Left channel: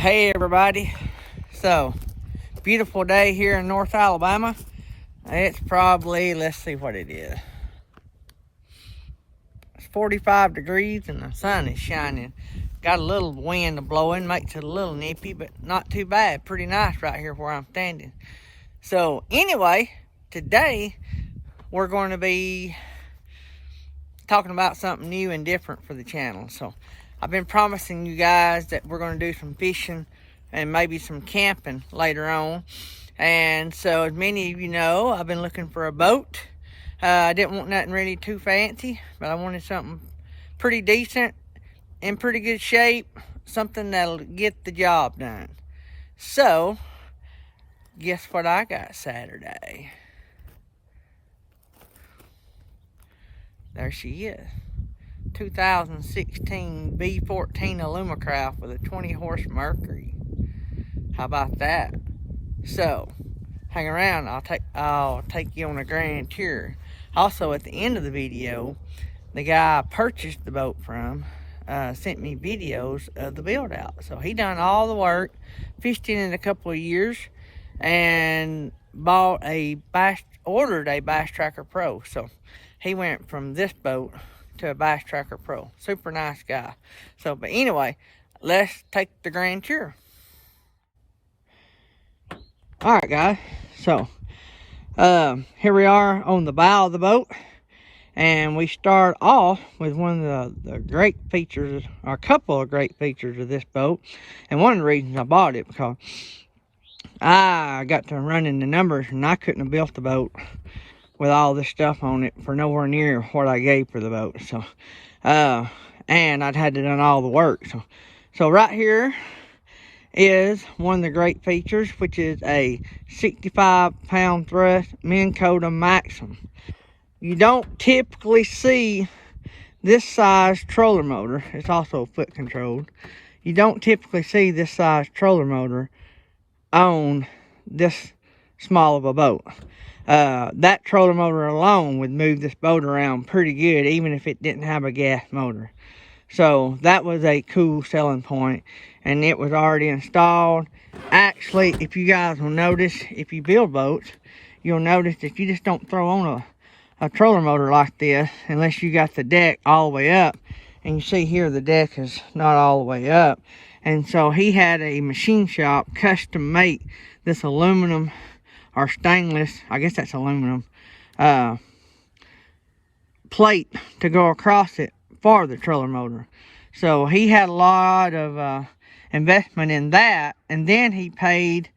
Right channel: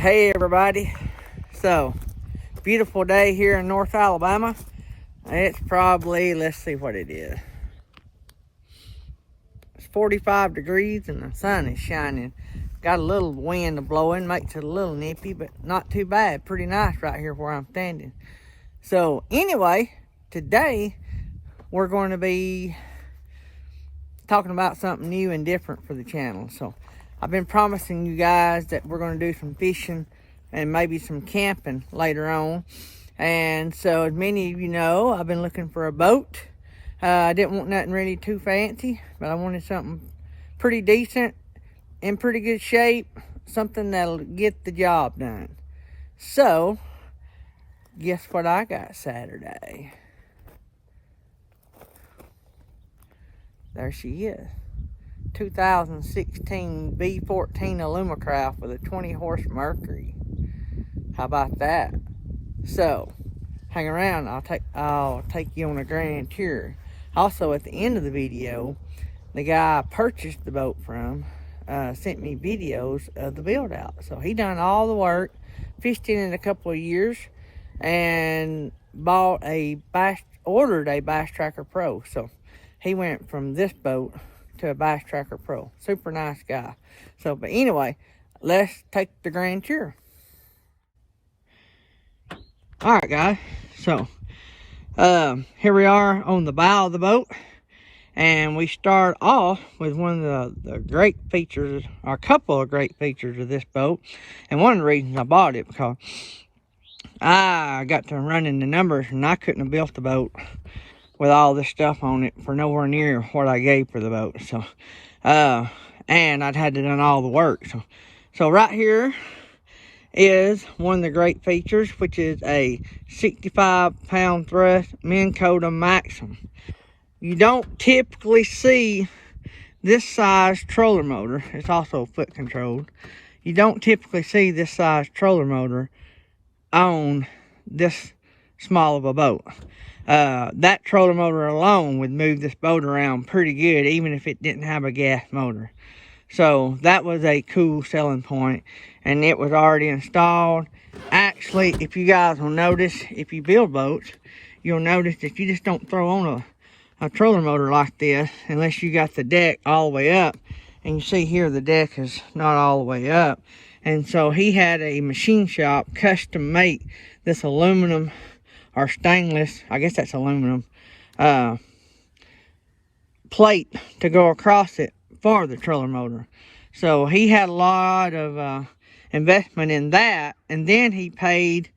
Hey everybody, so beautiful day here in North Alabama. It's probably, let's see what it is. It's 45 degrees and the sun is shining. Got a little wind blowing, makes it a little nippy, but not too bad. Pretty nice right here where I'm standing. So anyway, today we're going to be talking about something new and different for the channel. So I've been promising you guys that we're going to do some fishing and maybe some camping later on. And so as many of you know, I've been looking for a boat. I didn't want nothing really too fancy, but I wanted something pretty decent, in pretty good shape, something that'll get the job done. So guess what I got Saturday? There she is. 2016 V14 Alumacraft with a 20 horse Mercury. How about that? So hang around, I'll take you on a grand tour. Also at the end of the video, the guy I purchased the boat from sent me videos of the build out. So he done all the work, fished in a couple of years, and ordered a Bass Tracker Pro. So he went from this boat to a Bass Tracker Pro. Super nice guy. So, but anyway, let's take the grand tour. Alright guys, so here we are on the bow of the boat, and we start off with one of the great features, or a couple of great features of this boat. And one of the reasons I bought it, because I got to running the numbers and I couldn't have built the boat with all this stuff on it for nowhere near what I gave for the boat. So and I'd had to done all the work. So right here is one of the great features, which is a 65 pound thrust Minn Kota Maxim. You don't typically see this size troller motor. It's also foot controlled. You don't typically see this size troller motor on this small of a boat. That troller motor alone would move this boat around pretty good, even if it didn't have a gas motor. So that was a cool selling point, and it was already installed. Actually, if you guys will notice, if you build boats, you'll notice that you just don't throw on a troller motor like this unless you got the deck all the way up. And you see here the deck is not all the way up. And so he had a machine shop custom make this aluminum or stainless, I guess that's aluminum, plate to go across it for the troller motor. So he had a lot of investment in that, and then he paid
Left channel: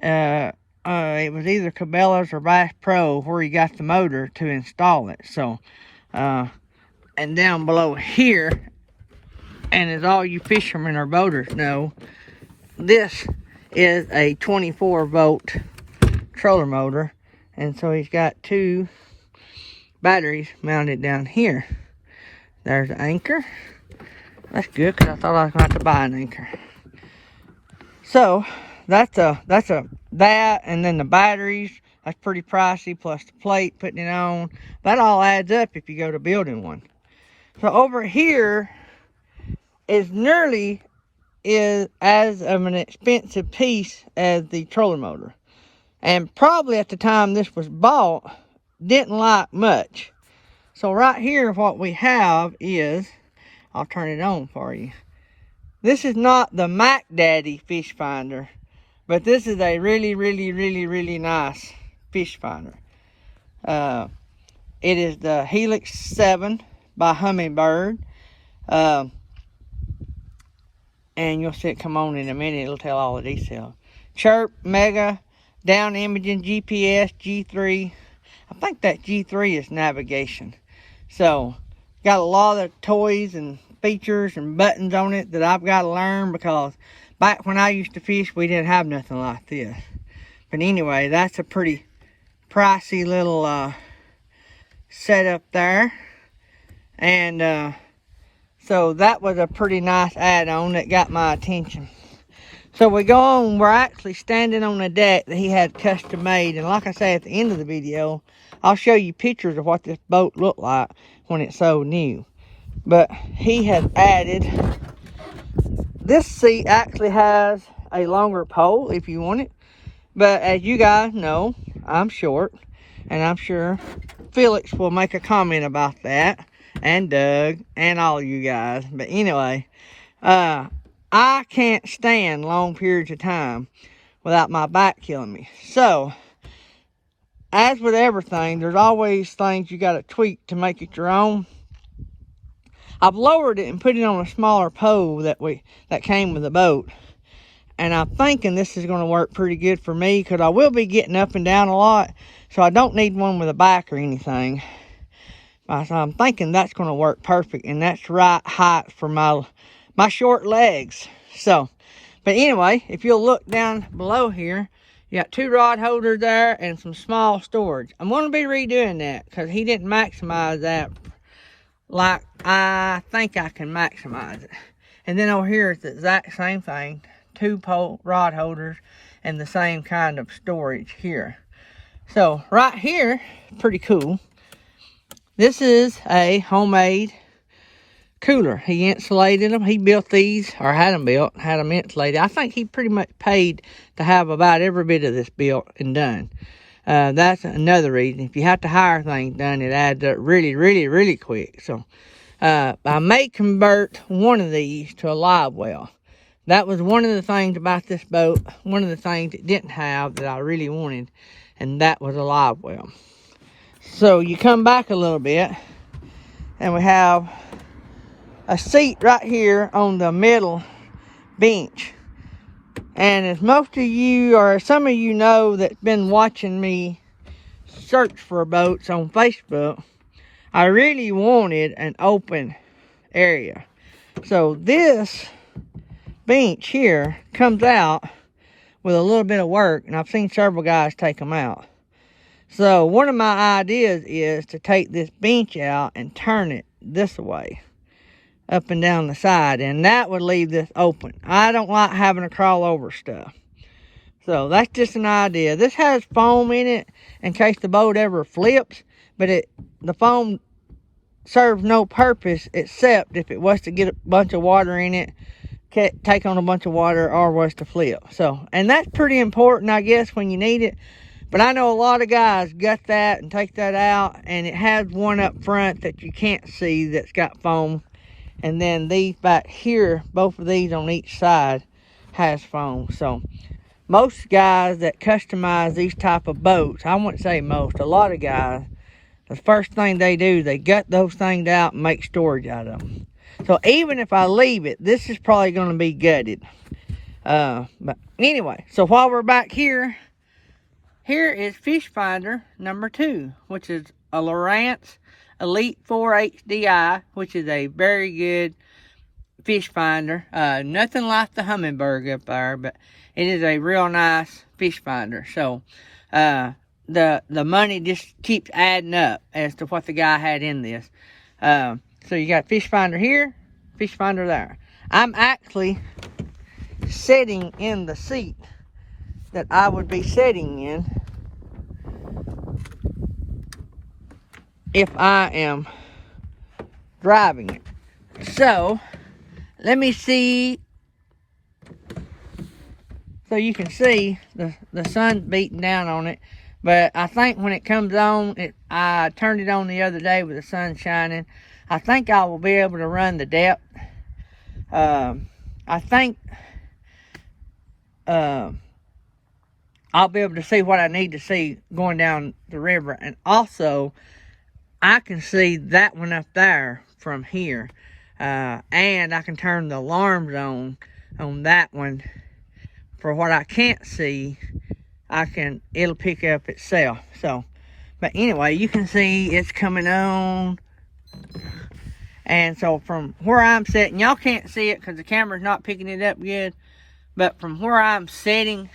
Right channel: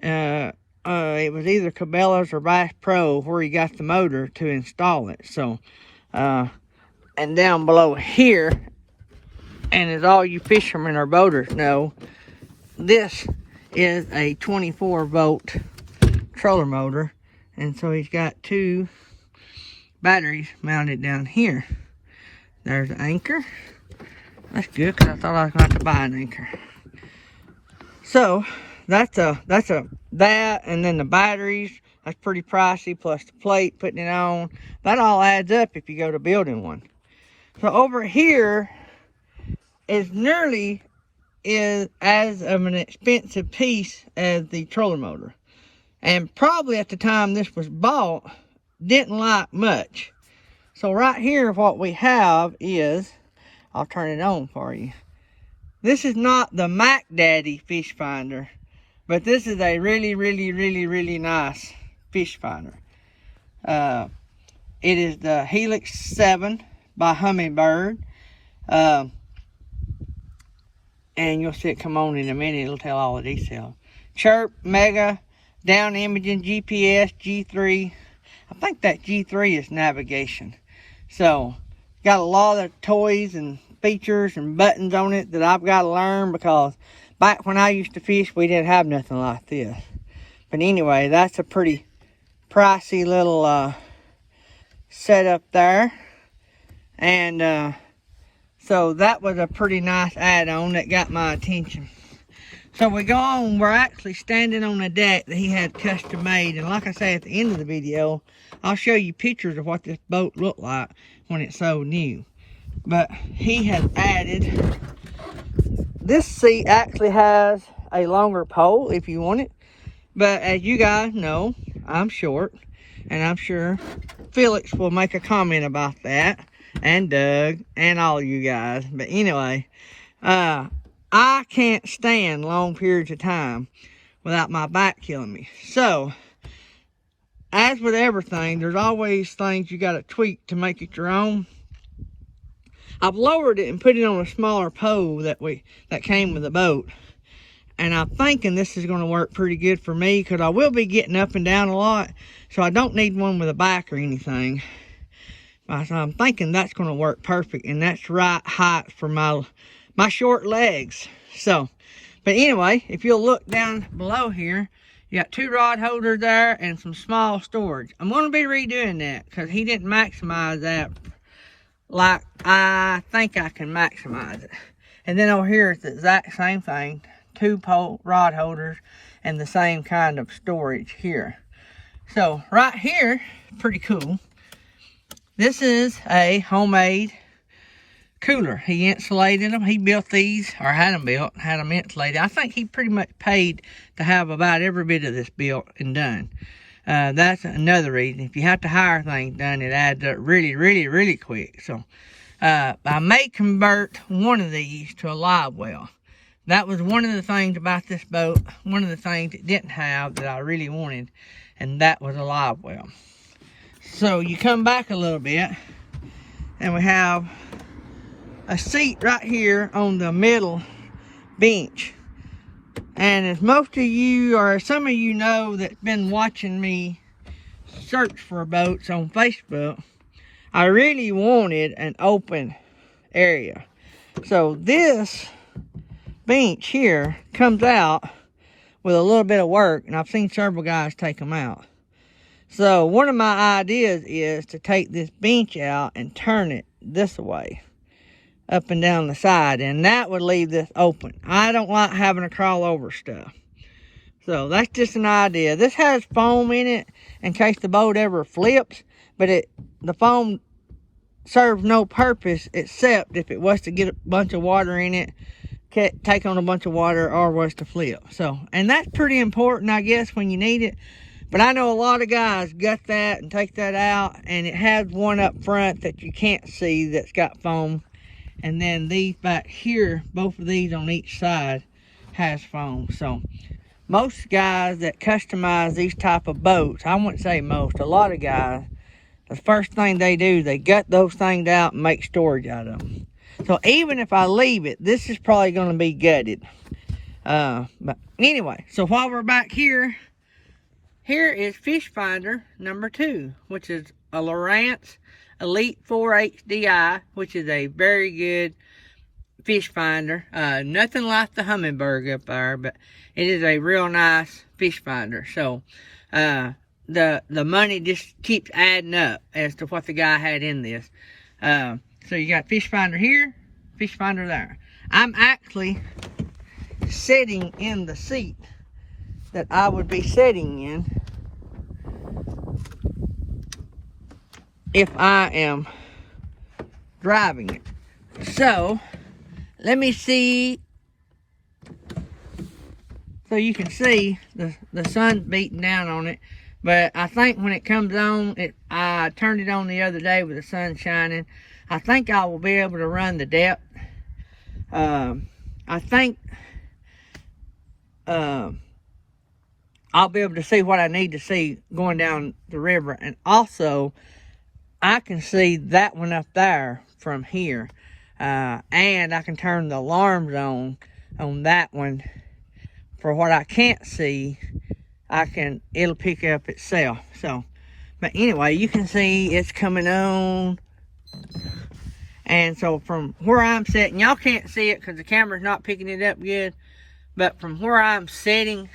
it was either Cabela's or Bass Pro where he got the motor to install it. So and down below here, and as all you fishermen or boaters know, this is a 24 volt troller motor, and so he's got two batteries mounted down here. There's the anchor. That's good, because I thought I was going to have to buy an anchor. So that's that, and then the batteries, that's pretty pricey, plus the plate, putting it on. That all adds up if you go to building one. So over here is nearly as of an expensive piece as the troller motor. And probably at the time this was bought, didn't like much. So right here what we have is, I'll turn it on for you. This is not the Mac Daddy fish finder, but this is a really nice fish finder. It is the Helix 7 by Humminbird. And you'll see it come on in a minute, it'll tell all the details. Chirp, Mega, down imaging, GPS, G3. I think that G3 is navigation. So got a lot of toys and features and buttons on it that I've got to learn, because back when I used to fish, we didn't have nothing like this. But anyway, that's a pretty pricey little setup there. And so that was a pretty nice add-on that got my attention. So we go on, we're actually standing on a deck that he had custom made. And like I say at the end of the video, I'll show you pictures of what this boat looked like when it's so new. But he has added this seat actually has a longer pole if you want it. But as you guys know, I'm short. And I'm sure Felix will make a comment about that. And Doug and all you guys. But anyway, I can't stand long periods of time without my back killing me. So, as with everything, there's always things you got to tweak to make it your own. I've lowered it and put it on a smaller pole that came with the boat. And I'm thinking this is going to work pretty good for me, because I will be getting up and down a lot. So I don't need one with a back or anything. So I'm thinking that's going to work perfect. And that's right height for my short legs. So, but anyway, if you'll look down below here, you got 2 rod holders there and some small storage. I'm going to be redoing that because he didn't maximize that like I think I can maximize it. And then over here it's the exact same thing. 2 rod holders and the same kind of storage here. So right here, pretty cool. This is a homemade cooler. He insulated them. He built these, or had them built, had them insulated. I think he pretty much paid to have about every bit of this built and done. That's another reason. If you have to hire things done, it adds up really, really, really quick. So I may convert one of these to a live well. That was one of the things about this boat, one of the things it didn't have that I really wanted, and that was a live well. So you come back a little bit, and we have a seat right here on the middle bench. And as most of you, or some of you know that's been watching me search for boats on Facebook, I really wanted an open area. So this bench here comes out with a little bit of work, and I've seen several guys take them out. So one of my ideas is to take this bench out and turn it this way, up and down the side, and that would leave this open. I don't like having to crawl over stuff. So that's just an idea. This has foam in it in case the boat ever flips, but the foam serves no purpose except if it was to get a bunch of water in it, take on a bunch of water, or was to flip. So, and that's pretty important, I guess, when you need it. But I know a lot of guys gut that and take that out, and it has one up front that you can't see that's got foam. And then these back here, both of these on each side has foam. So most guys that customize these type of boats, I wouldn't say most, a lot of guys, the first thing they do, they gut those things out and make storage out of them. So even if I leave it, this is probably going to be gutted. But anyway, so while we're back here, here is fish finder number 2, which is a Lowrance Elite 4 HDI, which is a very good fish finder. Nothing like the Humminbird up there, but it is a real nice fish finder. So the money just keeps adding up as to what the guy had in this. So you got fish finder here, fish finder there. I'm actually sitting in the seat that I would be sitting in if I am driving it. So let me see. So you can see the sun's beating down on it. But I think when it comes on, I turned it on the other day with the sun shining. I think I will be able to run the depth. I think I'll be able to see what I need to see going down the river. And also, I can see that one up there from here. And I can turn the alarms on that one. For what I can't see, it'll pick up itself. So, but anyway, you can see it's coming on. And so from where I'm sitting, y'all can't see it because the camera's not picking it up good. But from where I'm sitting,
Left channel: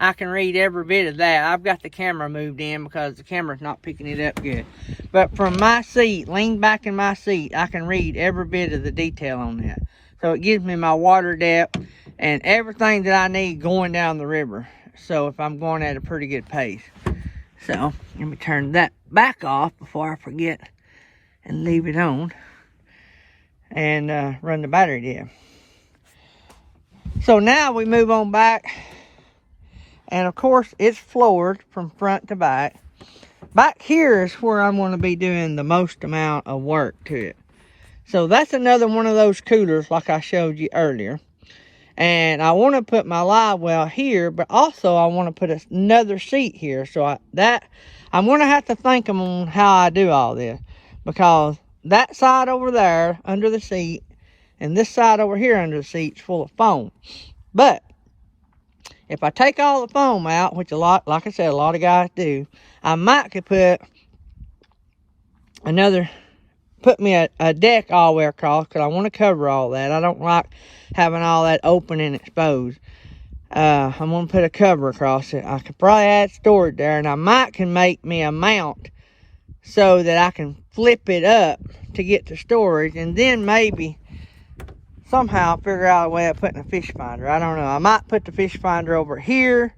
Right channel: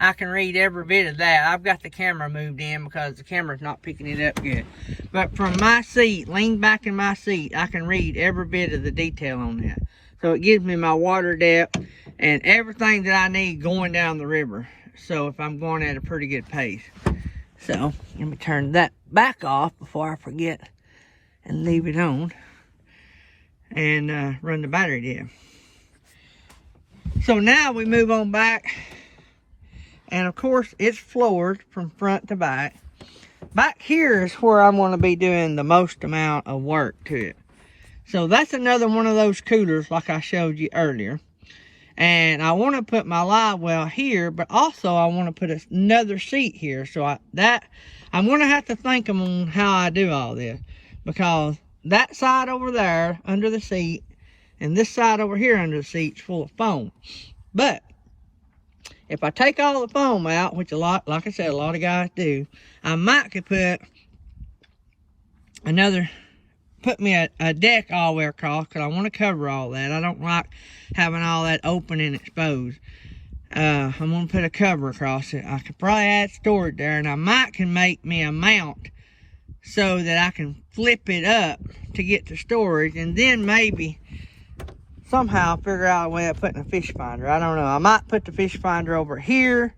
I can read every bit of that. I've got the camera moved in because the camera's not picking it up good. But from my seat, lean back in my seat, I can read every bit of the detail on that. So it gives me my water depth and everything that I need going down the river. So if I'm going at a pretty good pace. So let me turn that back off before I forget and leave it on and run the battery down. So now we move on back. And of course, it's floored from front to back. Back here is where I'm going to be doing the most amount of work to it. So that's another one of those coolers like I showed you earlier. And I want to put my live well here, but also I want to put another seat here. So I'm going to have to think on how I do all this. Because that side over there under the seat and this side over here under the seat is full of foam. But if I take all the foam out, which like I said, a lot of guys do, I might could put me a deck all the way across, because I want to cover all that. I don't like having all that open and exposed. I'm going to put a cover across it. I could probably add storage there, and I might can make me a mount so that I can flip it up to get to storage, and then maybe somehow figure out a way of putting a fish finder. I don't know. I might put the fish finder over here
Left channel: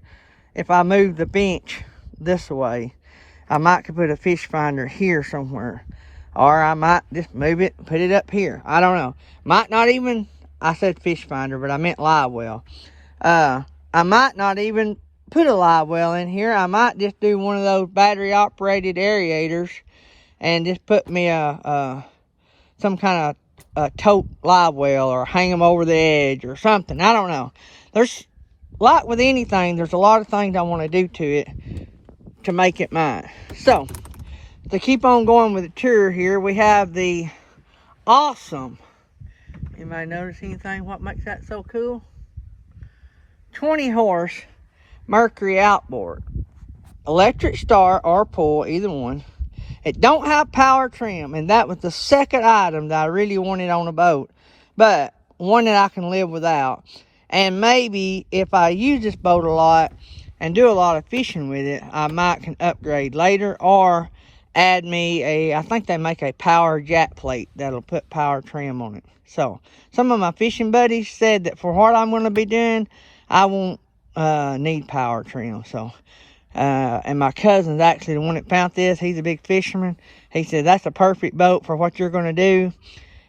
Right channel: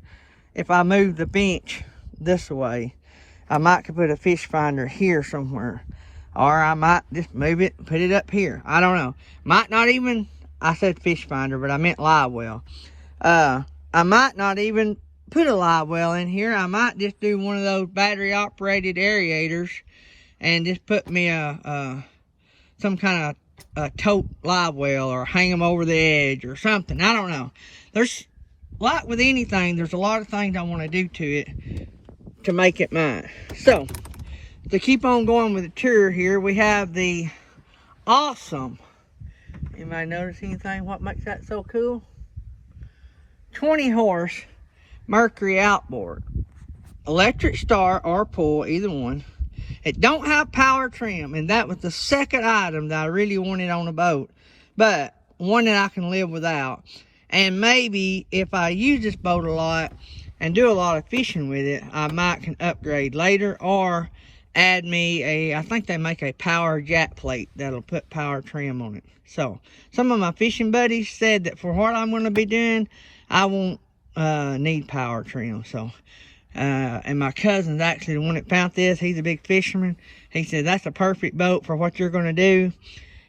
if I move the bench this way. I might could put a fish finder here somewhere. Or I might just move it and put it up here. I don't know. Might not even, I said fish finder, but I meant live well. I might not even put a live well in here. I might just do one of those battery operated aerators and just put me some kind of a tote live well, or hang them over the edge or something. I don't know. There's, like with anything, there's a lot of things I want to do to it to make it mine. So, to keep on going with the tour here, we have the awesome, anybody notice anything? What makes that so cool? 20 horse Mercury outboard. Electric start or pull, either one. It don't have power trim, and that was the second item that I really wanted on a boat, but one that I can live without. And maybe if I use this boat a lot and do a lot of fishing with it, I might can upgrade later, or add me I think they make a power jack plate that'll put power trim on it. So some of my fishing buddies said that for what I'm going to be doing, I won't need power trim. So and my cousin's actually the one that found this. He's a big fisherman. He said that's a perfect boat for what you're going to do.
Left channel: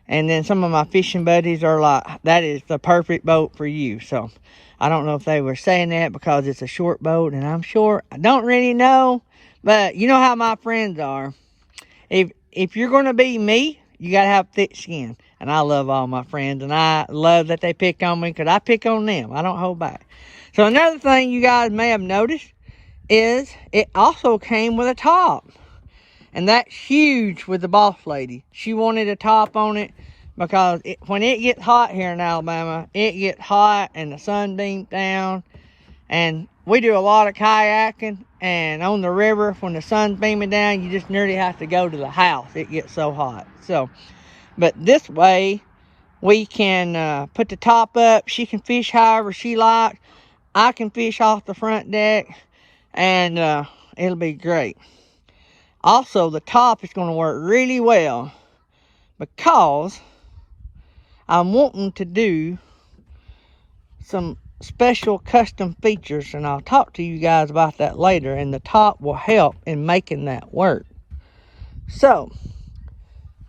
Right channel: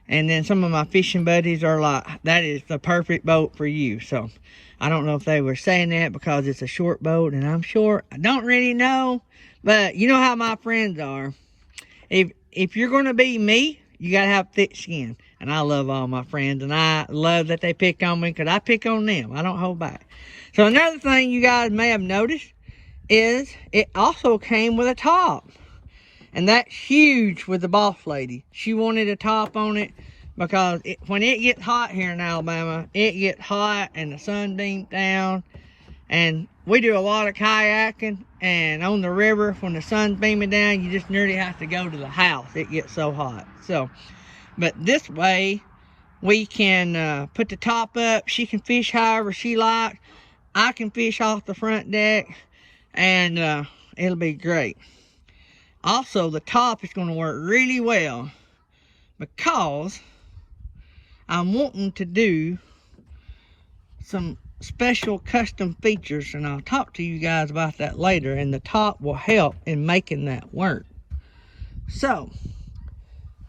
And then some of my fishing buddies are like, that is the perfect boat for you. So I don't know if they were saying that because it's a short boat and I'm short. I don't really know. But you know how my friends are. If you're going to be me, you got to have thick skin. And I love all my friends. And I love that they pick on me, because I pick on them. I don't hold back. So another thing you guys may have noticed is it also came with a top. And that's huge with the boss lady. She wanted a top on it because when it gets hot here in Alabama, it gets hot and the sun beams down. And we do a lot of kayaking, and on the river, when the sun's beaming down, you just nearly have to go to the house. It gets so hot. So, but this way, we can put the top up. She can fish however she likes. I can fish off the front deck, and it'll be great. Also, the top is going to work really well because I'm wanting to do some special custom features, and I'll talk to you guys about that later, and the top will help in making that work. So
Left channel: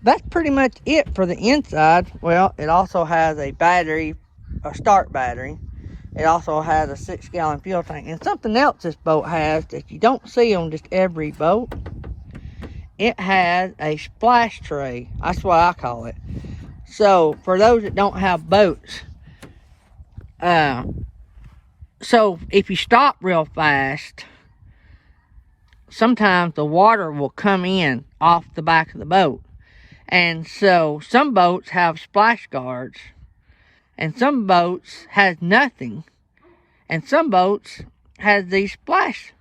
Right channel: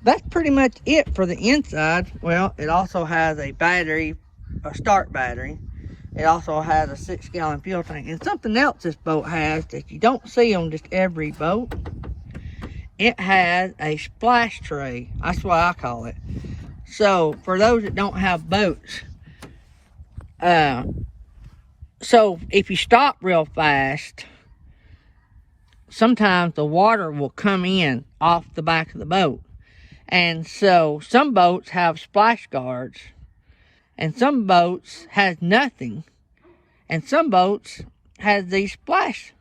that's pretty much it for the inside. Well, it also has a battery, a start battery. It also has a 6-gallon fuel tank. And something else this boat has that you don't see on just every boat, it has a splash tray. That's what I call it. So for those that don't have boats, so if you stop real fast, sometimes the water will come in off the back of the boat. And so some boats have splash guards, and some boats has nothing, and some boats has these splash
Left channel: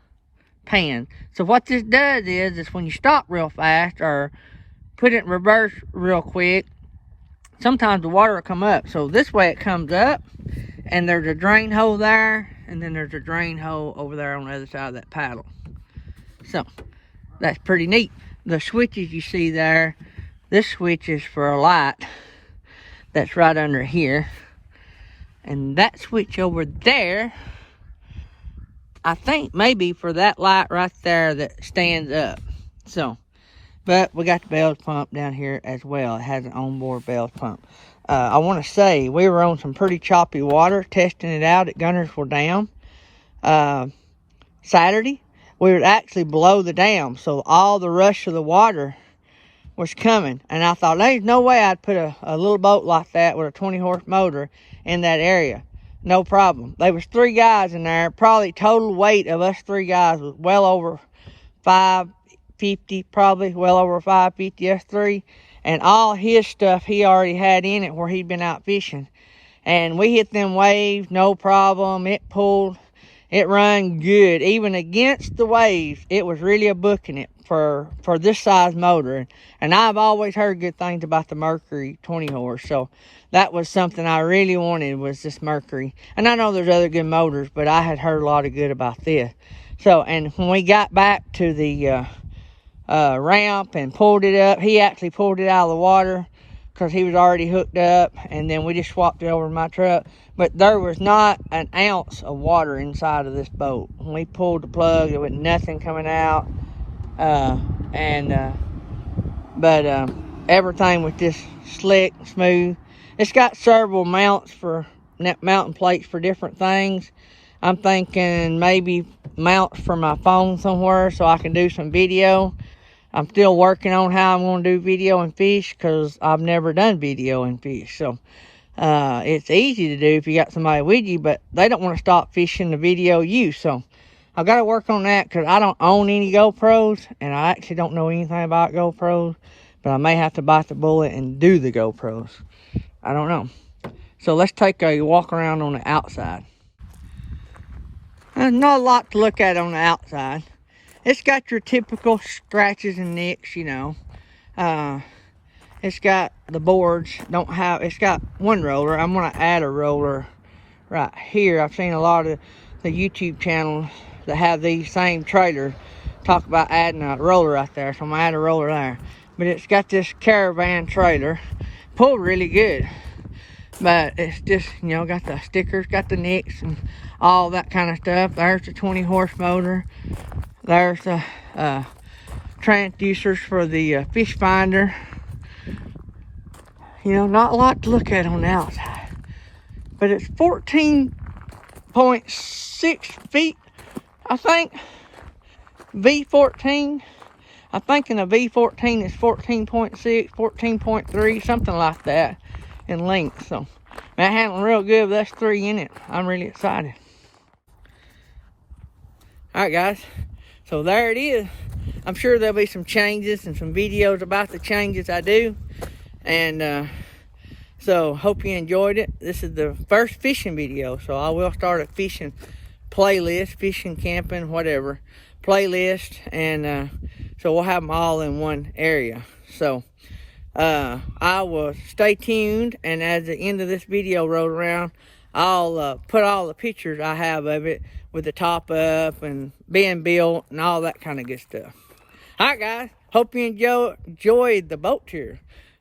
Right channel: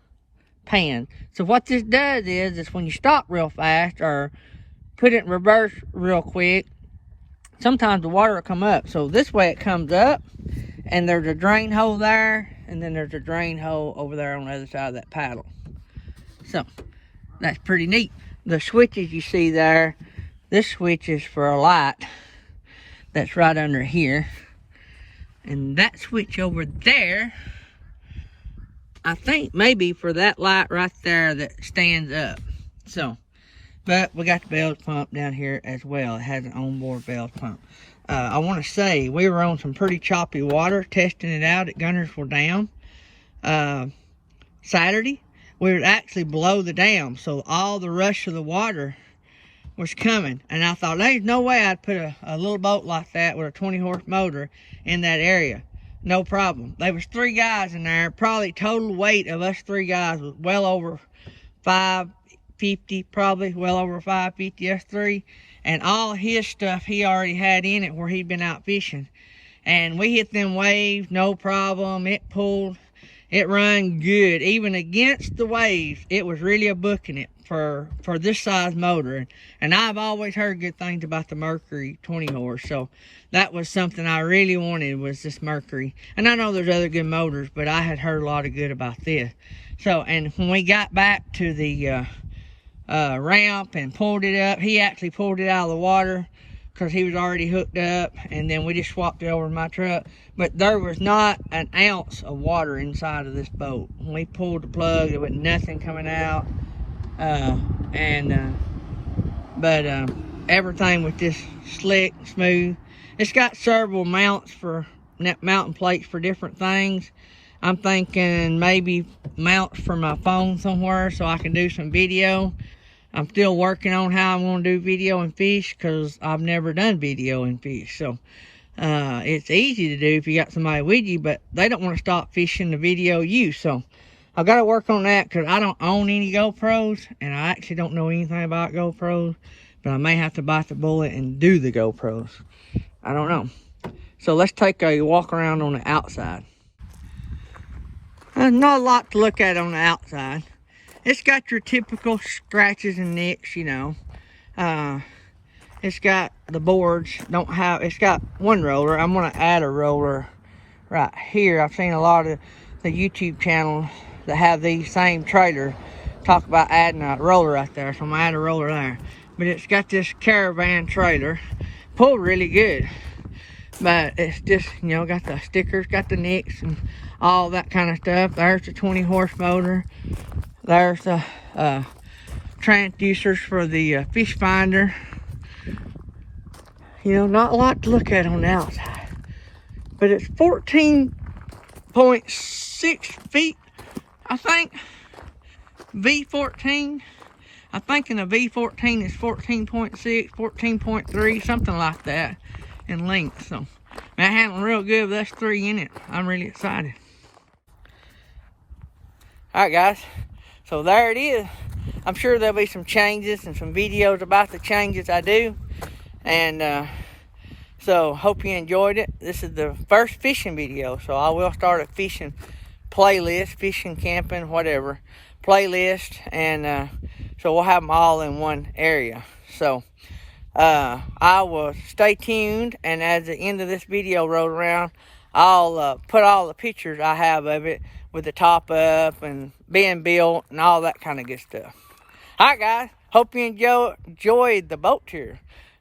pans. So what this does is when you stop real fast or put it in reverse real quick, sometimes the water will come up. So this way it comes up, and there's a drain hole there, and then there's a drain hole over there on the other side of that paddle. So that's pretty neat. The switches you see there, this switch is for a light that's right under here. And that switch over there, I think maybe for that light right there that stands up. So, but we got the bells pump down here as well. It has an onboard bells pump. I want to say we were on some pretty choppy water testing it out at Guntersville Dam. Saturday, we were actually below the dam, so all the rush of the water was coming. And I thought, there's no way I'd put a little boat like that with a 20-horse motor in that area. No problem. There was 3 guys in there. Probably total weight of us 3 guys was well over 550, probably well over 550, us 3. And all his stuff he already had in it where he'd been out fishing. And we hit them waves, no problem. It pulled, it run good. Even against the waves, it was really a booking it for this size motor. And I've always heard good things about the Mercury 20 horse. So that was something I really wanted, was this Mercury. And I know there's other good motors, but I had heard a lot of good about this. So, and when we got back to the ramp and pulled it up, he actually pulled it out of the water because he was already hooked up, and then we just swapped it over to my truck. But there was not an ounce of water inside of this boat. When we pulled the plug, there was nothing coming out. But everything was just slick, smooth. It's got several mounts for mounting plates for different things. I'm thinking maybe mounts for my phone somewhere so I can do some video. I'm still working on how I'm going to do video and fish because I've never done video and fish. So it's easy to do if you got somebody with you, but they don't want to stop fishing to video you. So I've got to work on that because I don't own any GoPros, and I actually don't know anything about GoPros, but I may have to bite the bullet and do the GoPros. I don't know. So let's take a walk around on the outside. There's not a lot to look at on the outside. It's got your typical scratches and nicks, you know. It's got the boards, it's got one roller. I'm gonna add a roller right here. I've seen a lot of the YouTube channels that have these same trailers talk about adding a roller right there. So I'm gonna add a roller there. But it's got this caravan trailer. Pulled really good. But it's just, you know, got the stickers, got the nicks and all that kind of stuff. There's the 20-horse motor. There's the transducers for the fish finder. You know, not a lot to look at on the outside. But it's 14.6 feet, I think. V14. I'm thinking a V14 is 14.6, 14.3, something like that in length. So, man, handling real good with us 3 in it. I'm really excited. Alright, guys. So there it is. I'm sure there'll be some changes and some videos about the changes I do. And so hope you enjoyed it. This is the first fishing video. So I will start a fishing playlist, fishing, camping, whatever playlist. And so we'll have them all in one area. So I will stay tuned. And as the end of this video rolls around, I'll put all the pictures I have of it with the top up and being built and all that kind of good stuff. All right, guys. Hope you enjoyed the boat tour,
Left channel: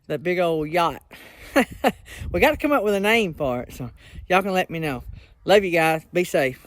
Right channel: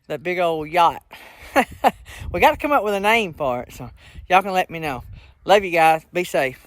that big old yacht. We got to come up with a name for it, so y'all can let me know. Love you guys. Be safe.